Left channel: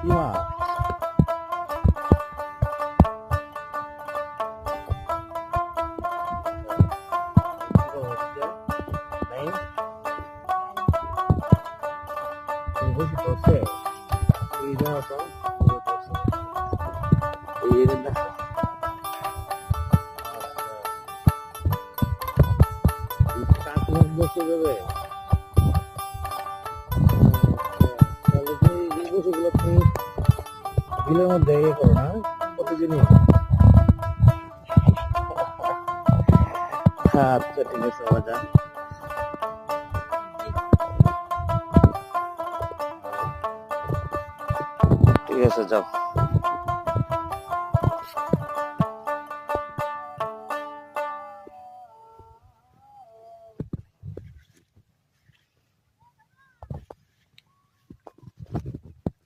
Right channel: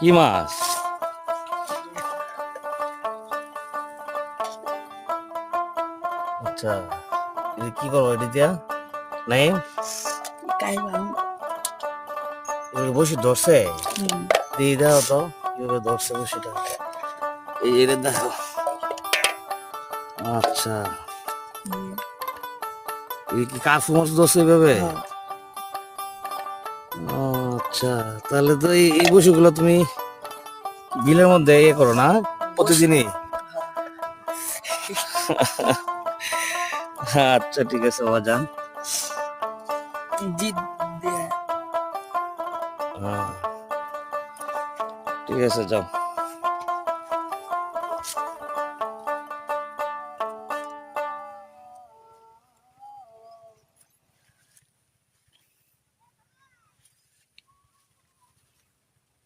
কি মাছ? আচ্ছা, কি করবো এটা দিয়া? নাই বসে ধরছে, এই দেখো তো ধরছে বসেটা, এই এটা দেখো। আচ্ছা, কাফু মাছ ধরছে এভাবে? আচ্ছা, তাহলে তো এই বসুগুলো তুমি বিলের মধ্যে ইয়ে করো না প্রতিদিনই? আচ্ছা, ঠিক আছে বাজান। ঠিক আছে, যাও।